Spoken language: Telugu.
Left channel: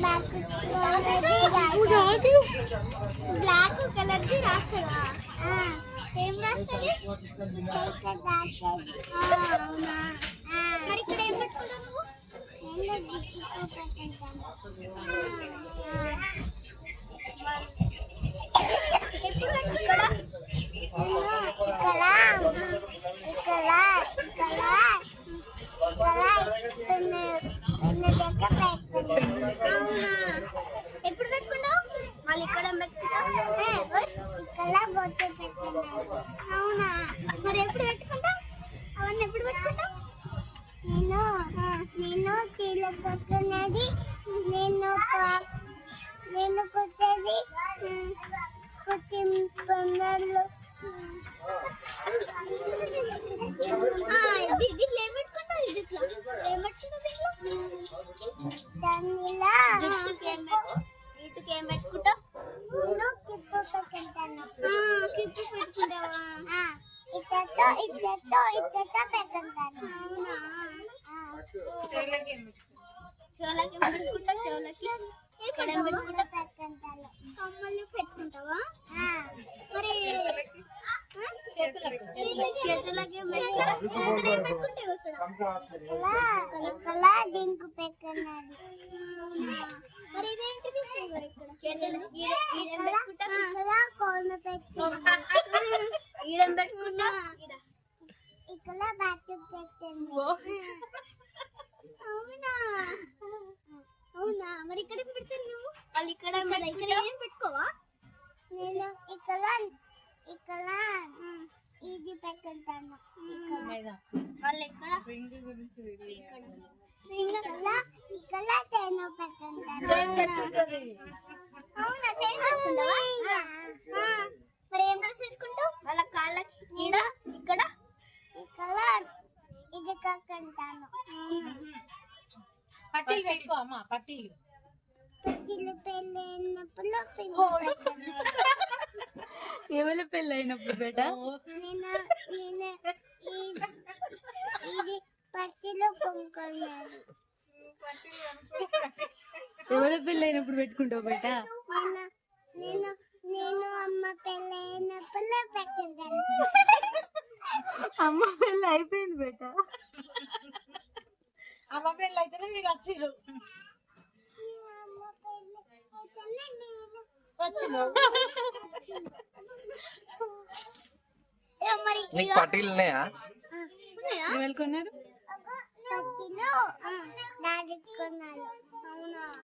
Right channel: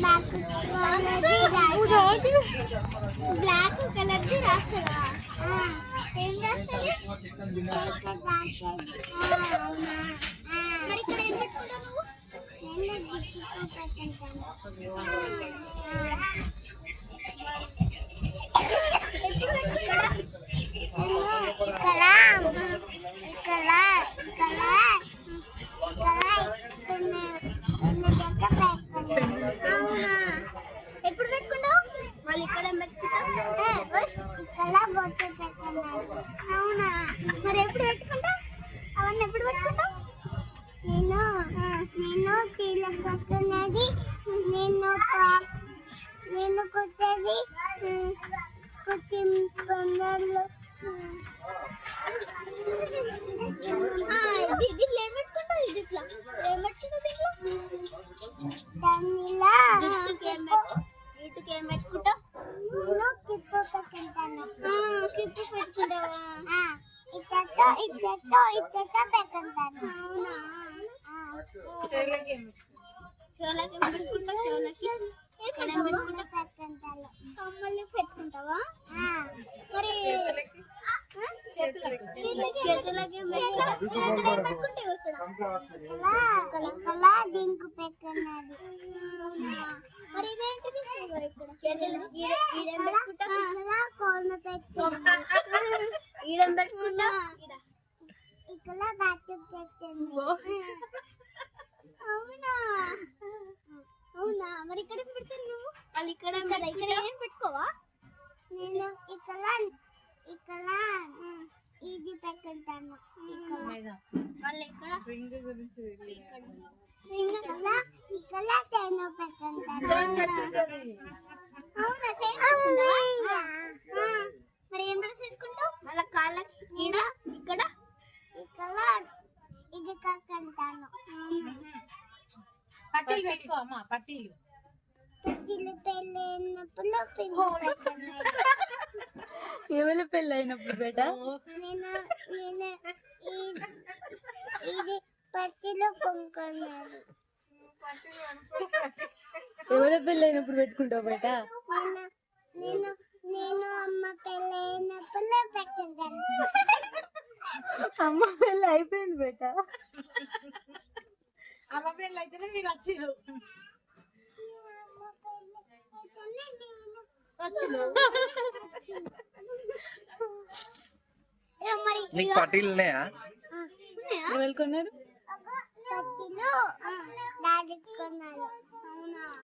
బ్లాక్ కలర్ ది రాస్తారా? ఏం రాస్తుంది? అవునా, మరి ఇక్కడ ఏం పెట్టుకుంటావు నువ్వు? ఎప్పుడు ఇక్కడ అవునా, ఎప్పుడు పెట్టుకుంటావు? మళ్ళీ ఇక్కడ ఇక్కడ బొట్టు పెట్టుకున్నాను. అవునా, మరి ఎప్పుడు పెట్టుకుంటావు? అవన్నీ ఎప్పుడు పెట్టుకుంటావు? నేను తీలకొక్కున్నది, నేను కొత్తది కొత్త పండుగలు దీంట్లో ఏం పెట్టుకుంటావు? దీంట్లో ఏం పెట్టుకుంటావు? దానిలా వీటికి ఏం పెట్టుకుంటావు? నేను కిప్పు పెట్టుకుంటాను. కిప్పు పెట్టుకుంటావా? ఇద్దరితో పెట్టుకుంటాను. అవునా, చోలకి పెట్టుకుంటా. పెట్టుకుంటాను. కమ్మలు పెట్టుకుంటావా? మరి చేతులకి దింకు పెట్టుకున్నది. మరి ఇదేంటిది? కోన పెట్టుకుంటా. ఈడం పెట్టుకుంటా. ఇక్కడ బాతు పెట్టింది. అవునా, అవునా, మరి ఇక్కడ పెడతాను నువ్వు? వాళ్ళు ఇక్కడ ఏం పెట్టుకోవా? నేను ఇక్కడ ఇది పెట్టుకుంటాను. వాళ్ళు ఇక్కడ తేను పెట్టుకుంటాను. అవునా, మరి ఏం డ్రెస్ వేసుకుంటావు? వాళ్ళ కాళ్ళకి ఇక్కడ ఇది కక్కుంటాను. పట్టీలు పెట్టుకో అమ్మా, పట్టీలు పెళ్ళైనప్పుడు ఎవరి పెళ్ళి అయినప్పుడు బేట? ఇది పట్టిలో కొనుక్కున్నాను. ఎవరి పెళ్ళి అయినప్పుడు పెట్టుకుంటావు బేట? నేను అమ్మ పెళ్ళైనప్పుడు పెట్టుకుంటాను. అమ్మ పెళ్ళి అయిపోయింది బేట. అమ్మ పెళ్ళి అయితేనే మీరు వచ్చిర్రు. నీకు పట్టీలు ఉన్నాయా? కొన్నారు. అవునా,